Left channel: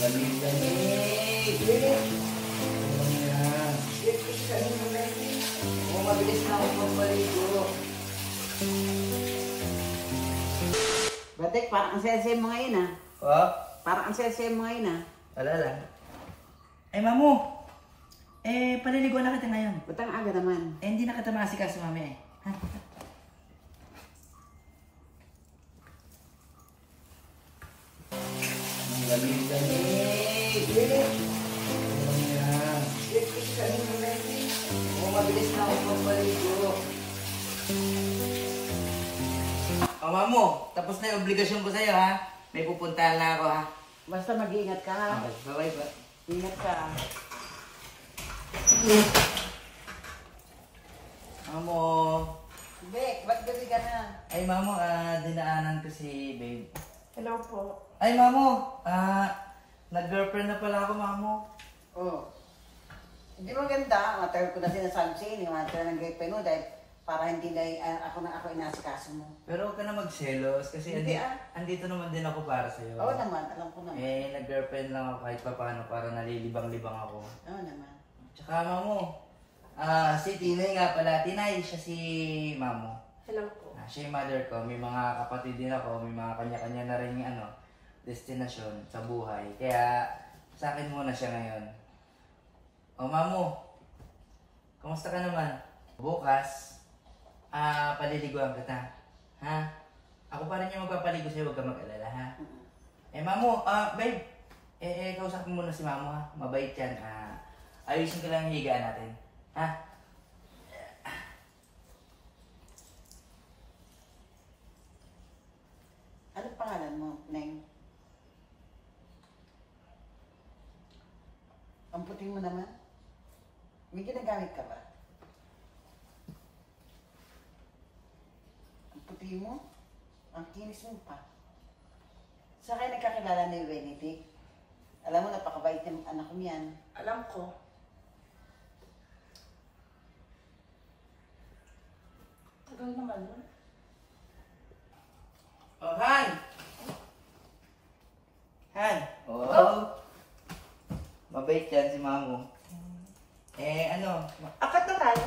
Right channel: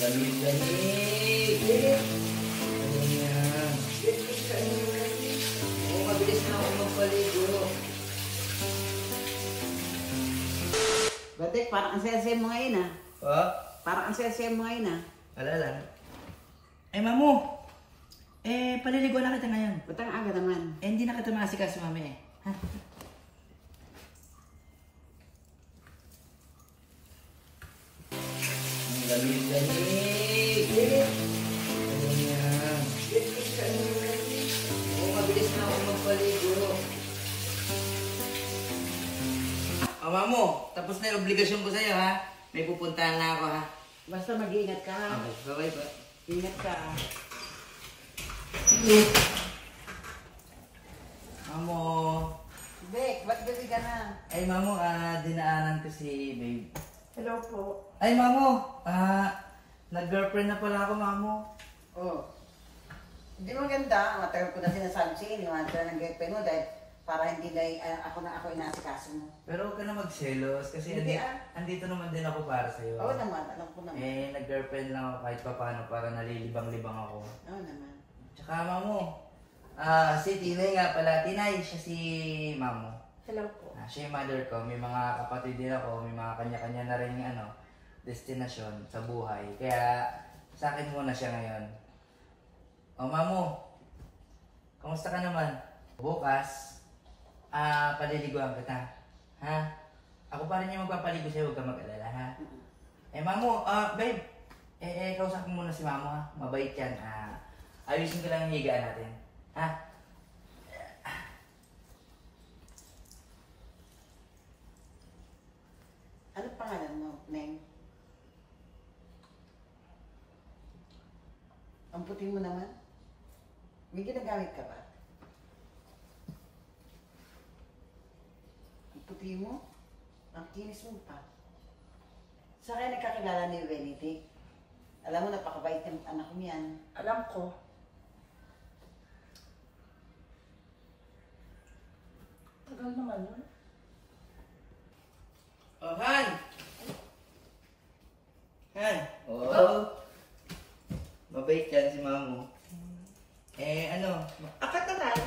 Lamig-lamig. Ano yan? Oo, mabilis na ako magpaligo. Batik, parang ang sese mo ngayon ah. Ha? Parang ang sese mo ngayon ah. Wala lang. Ay, mamu. Paliliguan na kita ngayon. Butang aga naman. Hindi na kita maasikaso, mami Ha? Ang lamig-lamig. Ano yan? Oo, mabilis na ako magpaligo. O, mamu. Tapos na yung obligasyon ko sa'yo, ha? May pupuntahan na ako, ha? Basta mag-iingat ka ha. Okay, bye-bye ba? Ingat ka. Mamo. Bek, ba't gabi ka na? Ay, mamo, dinaanan ko si babe. Hello po. Ay, mamo, nag-girlfriend na pala ako, mamo. Oh. Hindi mo ganda. Matagal ko na sinasabi siya. Iniwan ka ng girlfriend mo dahil para hindi na ako inasikaso mo. Pero huwag ka na magselos kasi Hindi, andito naman din ako para sa'yo. Oo naman, alam ko naman. Nag-girlfriend lang ako kahit pa paano para nalilibang-libang ako. Oo naman. Tsaka, mamo, si Tinay nga pala. Tinay, siya si mamo. Hello po. Siya yung mother ko. May mga kapatid din ako. May mga kanya-kanya na rin destinasyon sa buhay. Kaya, sa akin muna siya ngayon. O, mamo, kamusta ka naman? Bukas, paliliguan kita. Ha? Ako pa rin yung magpapaligo sa'yo, huwag ka mag-alala, ha? Mamo, babe, kausap mo muna si mamo, ha? Mabait yan. Ayusin ko lang yung higaan natin. Ha? Ano pangalan mo, Neng? Ang puti mo naman. May ginagamit ka ba? Ang puti mo? Ang kinis mo pa. Sa kaya nagkakilala ni Benedict? Alam mo, napakabait ng anak ko niyan. Alam ko. Tagal naman yun. Oh, Han! Han! Oh! Mabait yan si mamo. Akat na tayo.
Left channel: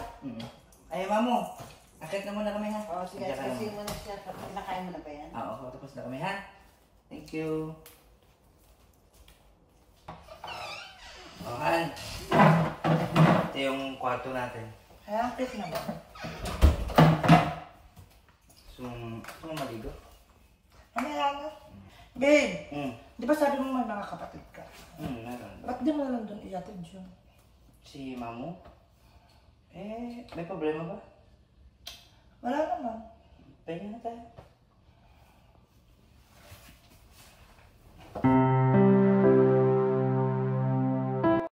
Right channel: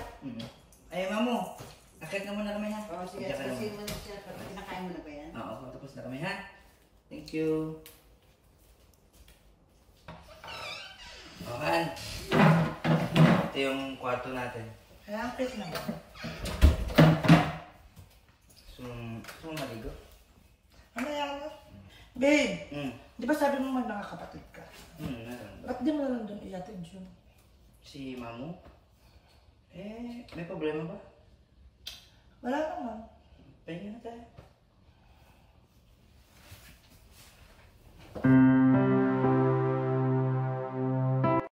Ay, mamo. Akit na muna kami, ha? Oo, sige, Diyan ka na kasi muna. mo na siya. Nakain mo na ba yan? Oo, tapos na kami, ha? Thank you. Oh, Han. Ito yung kwarto natin. Ay, ang cute naman. Gusto mo maligo? Ano yan? Babe, Hmm. di ba sabi mo may mga kapatid ka? Meron. Ba't di mo na lang doon iatid yun? Si mamo? May problema ba? Wala naman. Pahinga na tayo.